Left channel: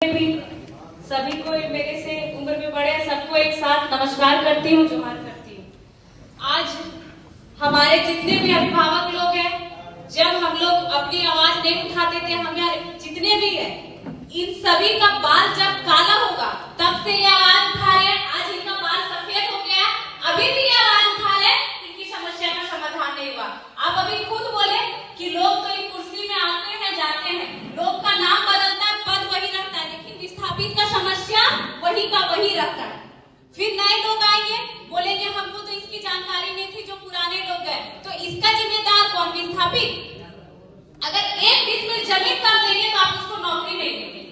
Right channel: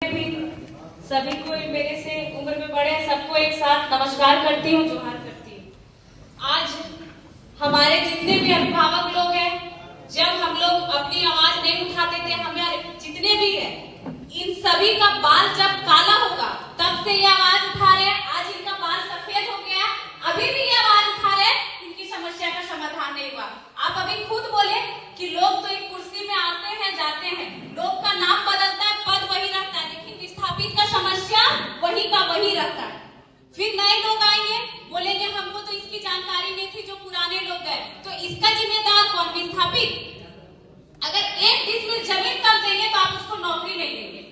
भी सभी को मेरे से उम्र में बड़े सबको एक साथ नमस्कार करती हूँ, जोहार करती हूँ। आज हमारे जितने भी अभिभावक लोग हैं, जब हम लोग अपनी आवाज नहीं उठाते थे, हमारे जितने भी हैं, इन सभी का बाल जब काला होगा तब से ये आवाज उठा रहे हैं। आज इनका बाल सफेद हो गया, अभी भी ये आवाज उठा रहे हैं, इनकी समस्या का समाधान नहीं हुआ। आप अभी खुद बोले कि लोग तो एक कुर्सी में आते हैं जाते हैं, लोग का नाम बदलता है, पद वही रहता है, लेकिन विस्थापित का समस्या वही का वही रहता है। फिर नए लोग आएंगे, बोलेंगे हमको तो इसकी जानकारी नहीं थी, जो पुराने लोग हैं, तो इसका जिम्मेदार कौन? विस्थापित। अगर एक डिसमिल जमीन कम देंगे तो आप उसको नौकरी नहीं देंगे।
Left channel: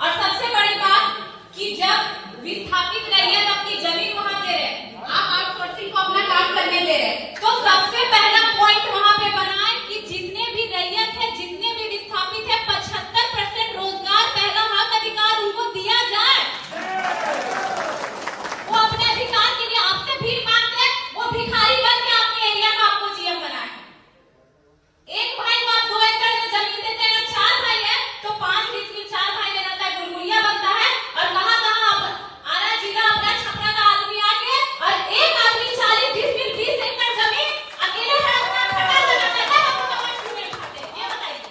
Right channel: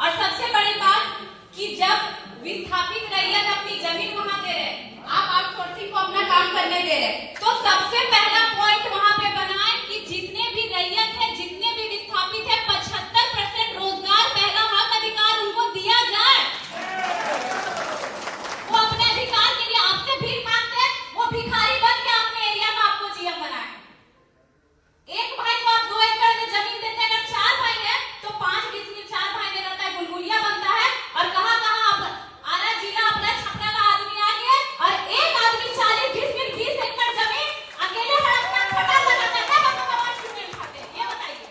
और सबसे बड़ी बात कि जब विस्थापित रैयत अपनी जमीन वहां दे रहे, आप आउटसोर्सिंग को अपना काम करने दे रहे, तो सबसे पहला पॉइंट वहां पे बनाए कि जितने भी रैयत है, जितने भी विस्थापित है, 75% रोजगार पहला हक अधिकार उनको दिया जाए। वो अपने अधिकार के लिए आपसे भीख मांगते हैं, वो भिखारी बन के अपने एरिया में आपको जीएम बनाए। एक भाई को आप 2 एकड़ में जमीन देते हैं, अगर 4 भाई है तो 5 डिसमिल 4 भाई में रहता है, गुलगुलिया बनता है। और कहां आरा जिला अपना छपरा का आदमी आ गया और एक आदमी 40 डिसमिल 20 एकड़ जमीन अकेले खड़ा लगाता है। आपको कमाई क्यों उठाते हैं ये बताइए।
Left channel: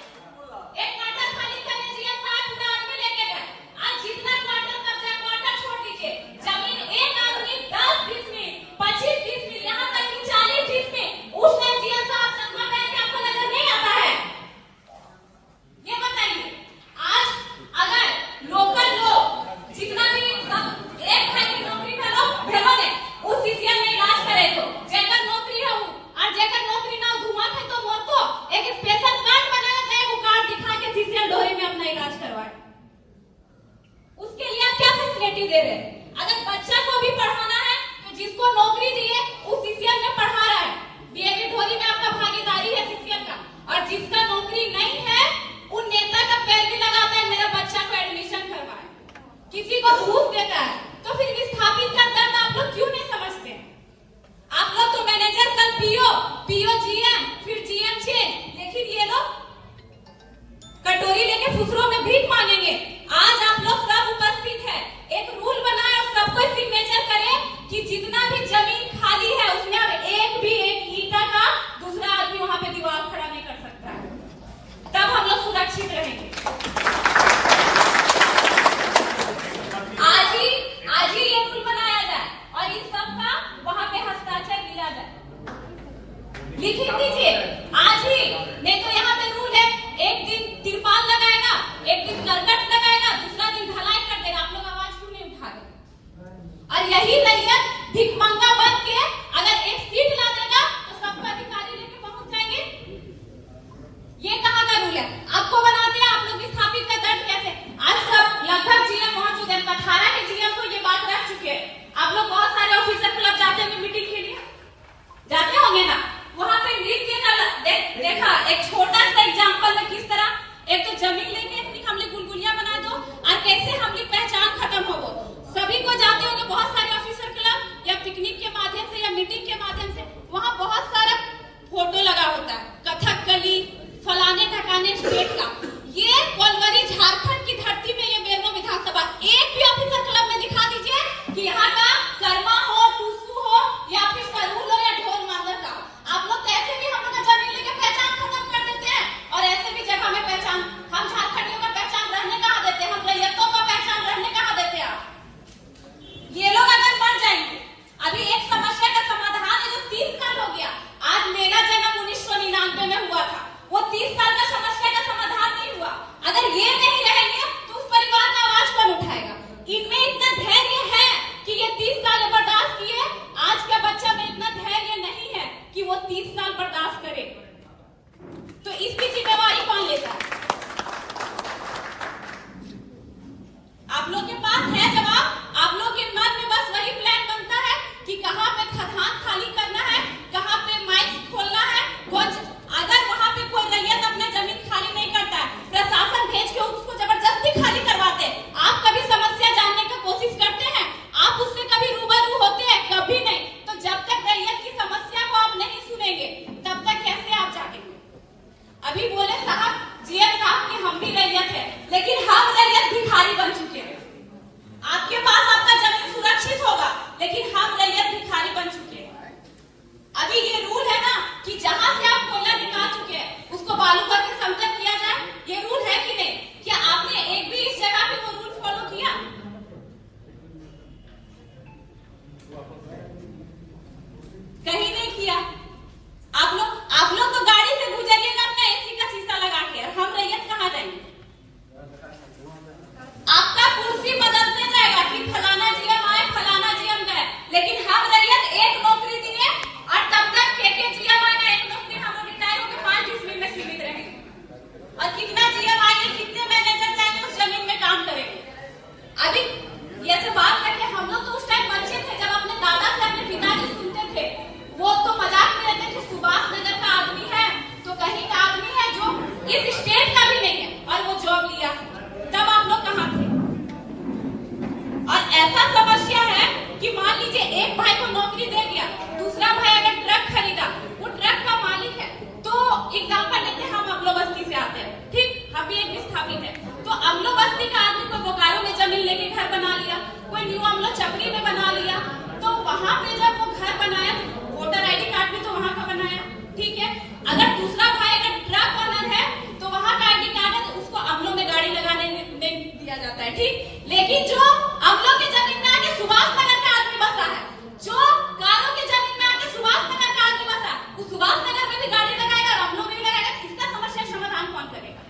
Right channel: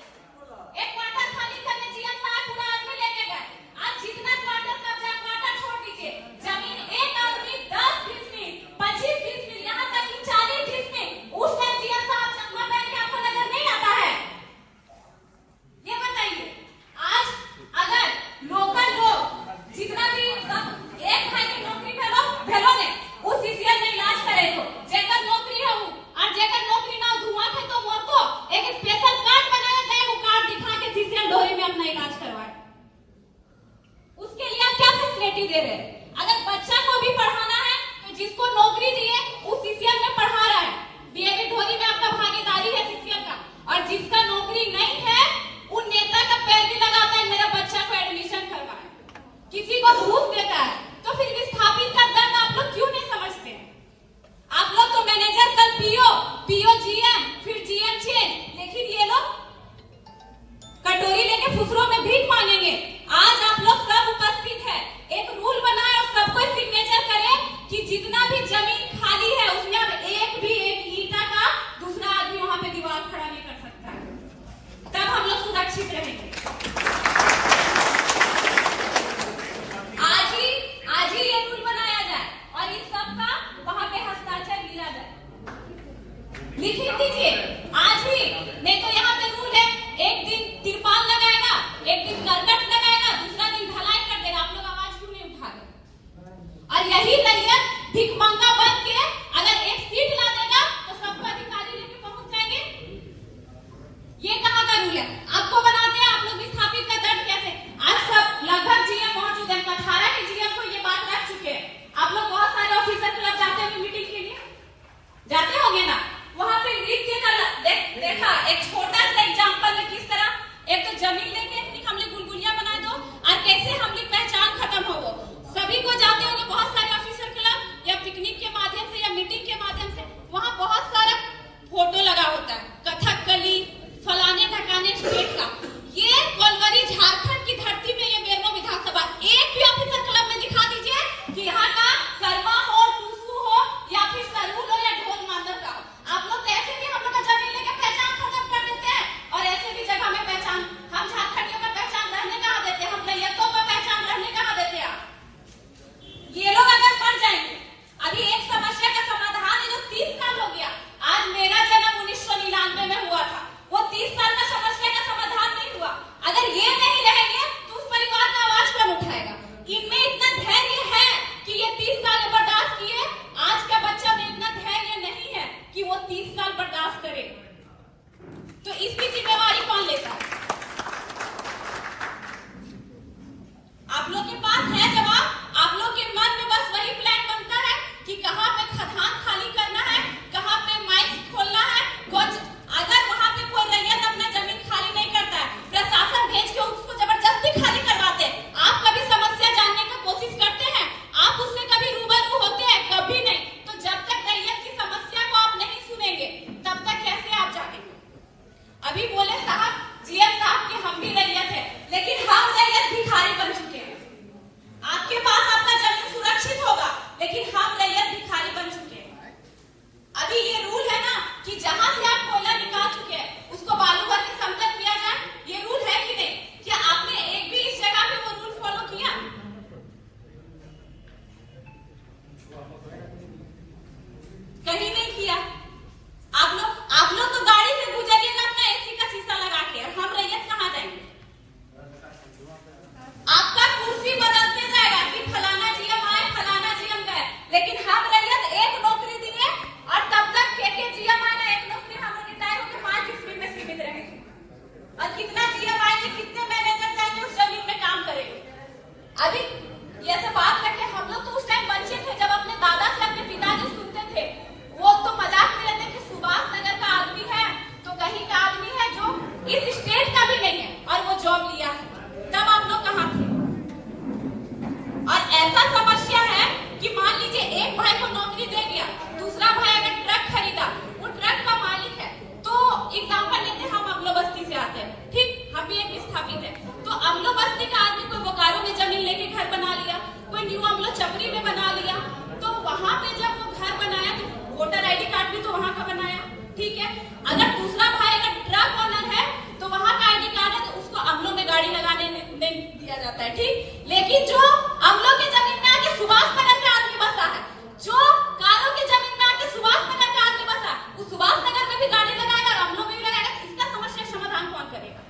एक क्वार्टर खाली करने जीएम साहब पूरा आदमी लेके गए। आज जितना क्वार्टर कब्जा, क्वार्टर छोड़ दीजिए, जमीन एक आदमी 10 डिसमिल 25 डिसमिल यहां तक कि 40 डिसमिल, उस टाइम जीएम साहब चश्मा पहन के आपको नजर नहीं आता है? ये बताइए। आज अगर लोकल लोग जितना भी सब एक भाई की नौकरी भेलो ने उस सीसीएल में इलाज करे तो जेकर नौकरी है वो, और जेकर नौकरी ना धुआं है तो मोर को एक स्पेशल कार्ड बनाया जाए, वो कार्ड दिखा के सीसीएल ढोरी में अपना इलाज करवाए। उसके लिए आप क्या फैसिलिटी दे रहे हैं? अगर बच्चा को भी पढ़ाना है तो जिसको नौकरी दिए उस सीसीएल में पढ़ा रहा है, डीएवी ढोरी में आपका भागीदारी है सीसीएल का। और जिसका नौकरी नहीं है उन नेता का पैर भी लगाता है, मेरा बच्चा को एडमिशन करवाए, किसी को घूस देता है। तो फिर विस्थापित का दर्द आप लोग क्यों नहीं समझते? आप लोग तो मैनेजर, कल पीओ जीएम, फिर जीएम चेंज, लेकिन ये लोग कटोरी लेके फुसरों में भीख मांगेंगे। आज आप लोग सब उपस्थित है, एक रूल बनाए और सबको सिग्नेचर करे कि जितना भी जमीन खाली है उसमें अब एक ईंटा का दूसरा आदमी वहां पे दीवार खड़ा नहीं कर सकता है, तब हम लोग सुरक्षित रहेंगे। आज ही ये रूल बनाया जाए और इस सब का वहां पे हस्ताक्षर लिया जाए, लिख दीजिए आज ही। नहीं तो यहाँ पे रूल है, एक दिन तिरपाल लगाएगा, एक दिन करकट लगाएगा, दूसरा दिन ढलाई कर देगा। आप लोग आवाज क्यों नहीं उठा रहे? और यही रैयत भिखमंगा बन के अगर एक सीट ला देगा तो सबको अधिकारी लेके पहुंच जाएंगे। ये कहाँ का रूल है? आपको बनाते हैं आप लोग विस्थापित का दर्द कैसे? आज सब लगभग जीएम मौजूद है, 18 के जीएम को ये बात रह चुके हैं। आप लोग बहुत सारे ऑफिसर क्लब जाते हैं मीटिंग के लिए, जाते होंगे ना? वहां पे नृत्य का देखा, एक छोटा सा एग्जांपल में किस तरह एक तो जमीन लेके हमने गुलगुलिया बना दो और कैसे हमने पहचान खत्म हो। वो सभी को जाते होंगे, बहुत सारे ऑफिसर क्लब या पिकनिक के माध्यम से या मीटिंग के माध्यम से, वहां बहुत सारा फोटो लगा होता है, कथकली फलाने ढकाने स्टेट का। ये कोलवरी झारखंड की धरती में ये बेरमो विधानसभा, एक भी ऑफिसर क्लब में दिखा दीजिए कि यहाँ का कर्मा हो, टूसू हो या फिर सरूल हो या ढोल मांदर का हो। आप लोग तो ऐसे भी हम लोग का जमीन लेके पहचान खत्म कर देते हैं, और ऐसे भी जगह में पहचान, हम झारखंडियों का पहचान रहने कहाँ देते हैं, हम रैयतों का पहचान रहने कहाँ देते हैं आप? ये लोग अगर मर जाएंगे, अभी एक समस्या का समाधान है जो 30 साल हो गया। आज मेरा जन्म 1999 में हुआ था, वो 30 साल का समस्या का समाधान नहीं हुआ। अगर ये नहीं रहेंगे तो उस परिवार का आवाज कौन उठाएगा? इनमें इतना धैर्य है कि ये 30 साल बर्दाश्त किए, आज का बच्चा में इतना धैर्य नहीं है कि वो 30 साल बर्दाश्त करे, तो इसकी जिम्मेवारी कौन लेता है? आप लोग के पास है जवाब। आप लोग के मन में बस वही प्लान बनता है कि कहां पे खदान खाली करना है, कहां पे माइक खोलना है। अगर वहां पे कोई रैयत अपना जमीन खाली नहीं करता है, प्रशासन भेज के उसको जबरदस्ती खाली करवाते हैं। आप कभी समस्या जानने की कोशिश करते हैं? आप उससे कभी रूबरू होते हैं? कभी नहीं। तो जब तक रैयत की समस्या को आप नहीं सुनेंगे तब तक कैसे आप जागेंगे? अभी बोले साहब जीएम साहब की हम भी रैयत है, लेकिन हम बालू भर के समतल किया जाए, ये रूल है कि नहीं? क्या आपने एक भी इस जगह पे वो रूल फॉलो किया? कहीं नहीं किया। आप लोग तो गाड़ी से गुजरिएगा अपना एसी का शीशा लगा के, और हम रैयत कहाँ जाएंगे? आपका कुर्सी बदलते जाएगा कि फलाना जीएम आए, फलाना जीएम गए, लेकिन हम रैयत एक नौकरी दिए और तब तक के जीएम आए ना, एक नौकरी हम रिटायर होकर 5 ईस्वी में सीमित रहेंगे। और कितना जीएम आएंगे, कितने मैनेजर जाएंगे उस जमीन में काम करेंगे? अभी ये सब बात करके हम लोग तो उस टाइम बच्चे थे, जब अपने दादा से अपने पिताजी सुनते थे, वो तो मजाक में रहते थे, सुभाष नगर का आदमी है तो कहीं का आदमी है जो इस स्टेट का भी नहीं है और वो जॉब लिया है। तब आप लोग कहाँ थे? और ऐसा समस्या है कि मान लीजिए एक भाई को नौकरी दे दिया, दूसरा भाई अगर ट्रक खरीदा, वो ट्रक का मालिक है, तो एग्जाम्पल लेते हैं, हम अमलो बस्ती से आते हैं, ठीक, हम भी एक विस्थापित है, तो अमलो बस्ती का आदमी कोई बोकारो में जमीन लेके घर बना लिया, कोई न्यू अमलो चपरी में बना लिया, तो वहां पे जब वो घर बनाया तो वोटर आईडी कार्ड भी तो वहां का बनाया, ठीक है। अगर दूसरा भाई अगर ट्रक ओनर है तो वहां का आईडी कार्ड है, तो उसको अमलो में गाड़ी लगाने नहीं दिया जाता है, ठीक। लेकिन जो अमलो की जमीन में आके सुभाष नगर का आदमी बसा है, जो कारो की जमीन में आके सुभाष नगर का आदमी बसा, वो सुभाष नगर में भी गाड़ी लगाएगा और अमलो में भी लगाएगा, इसका समस्या समाधान कौन करेगा?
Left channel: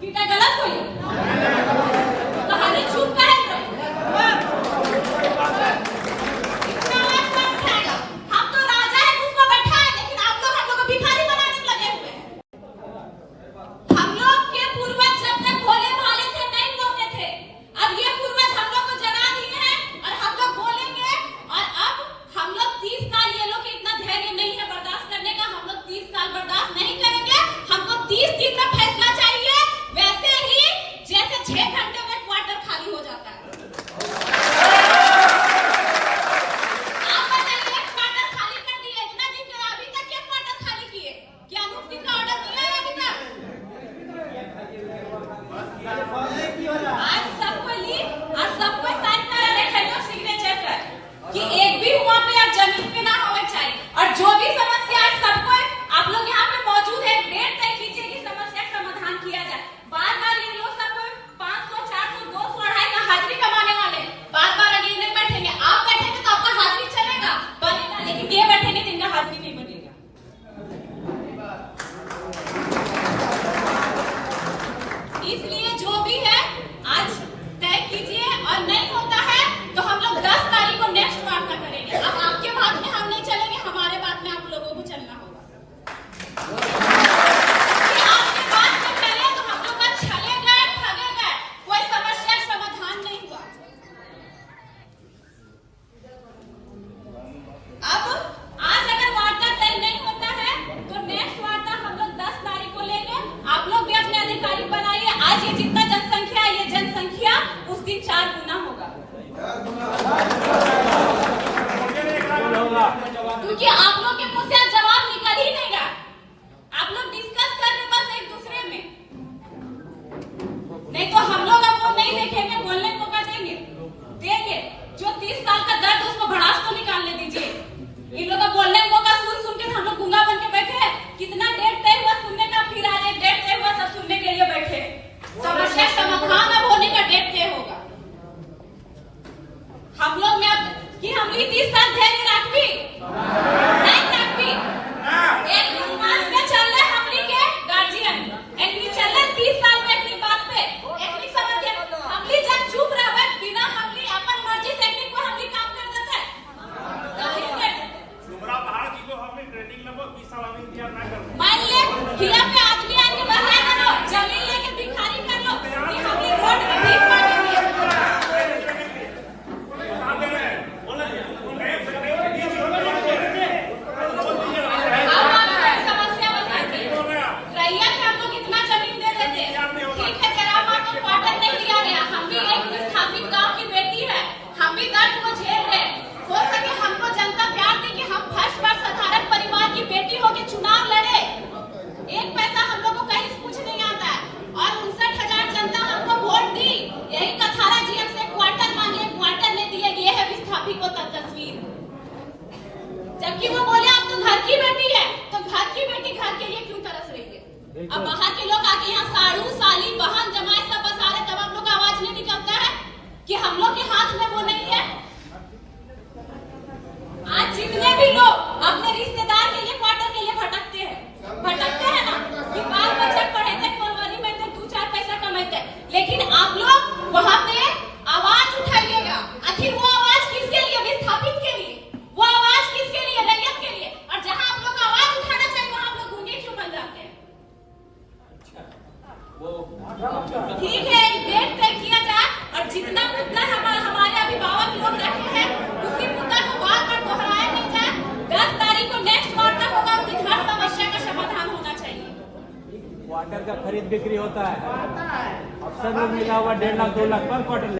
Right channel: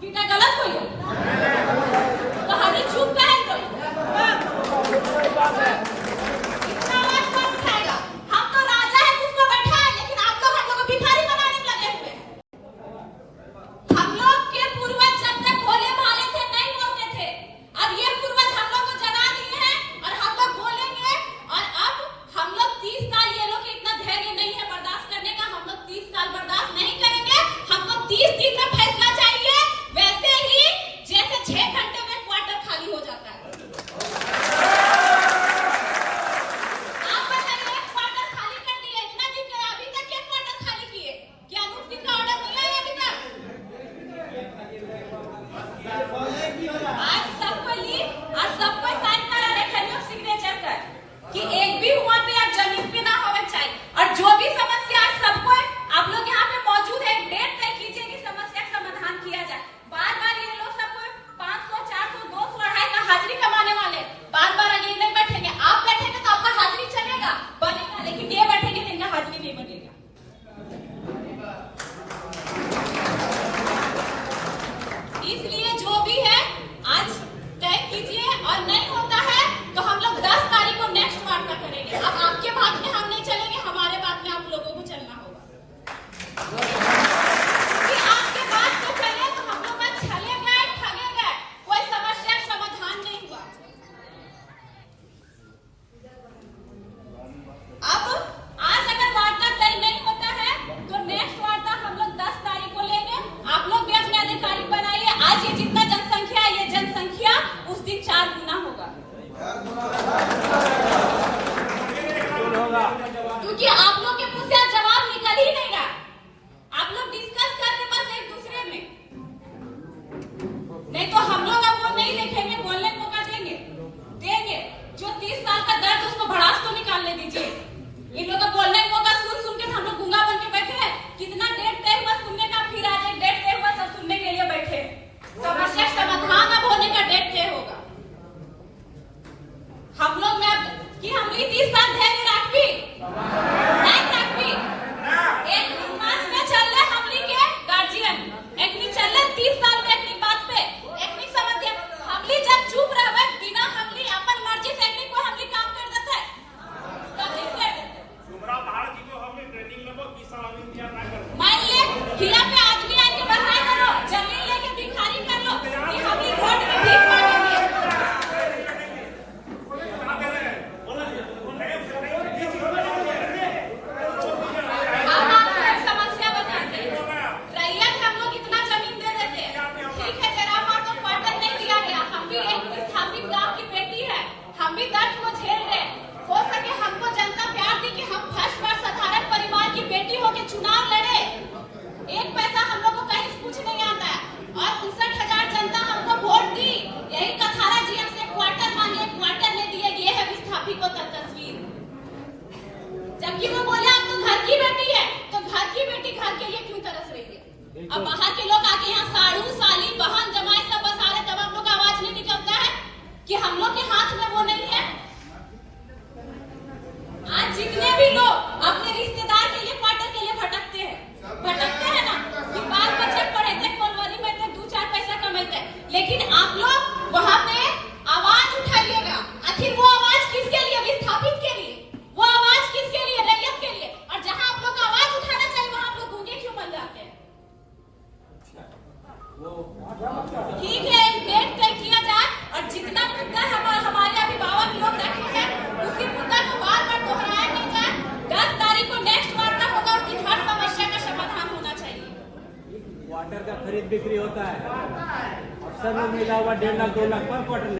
कि क्या गलत हो गया? कहानी चुप का है तो हम तो राजा है, उसको बैठा है, लेकिन आप लोग हम लोग को भिखारी बनाने में लगे हुए हैं। हम लोग के पूर्वज जब तक भोले भाले थे नहीं बोलते थे, अब ये पूर्वज हम लोग को जना दिए हैं और हम लोग बोलेंगे। और अब हम लोग 30 साल, ये लोग इतना धैर्य नहीं है बर्दाश्त करने का, हम लोग 30 साल बर्दाश्त नहीं करेंगे, हमको 30 दिन में फैसला चाहिए। वैसे ही जैसे बिक्री होता है। अफसर लोग मिला हुआ 1.5 लाख 2 लाख पर क्वार्टर।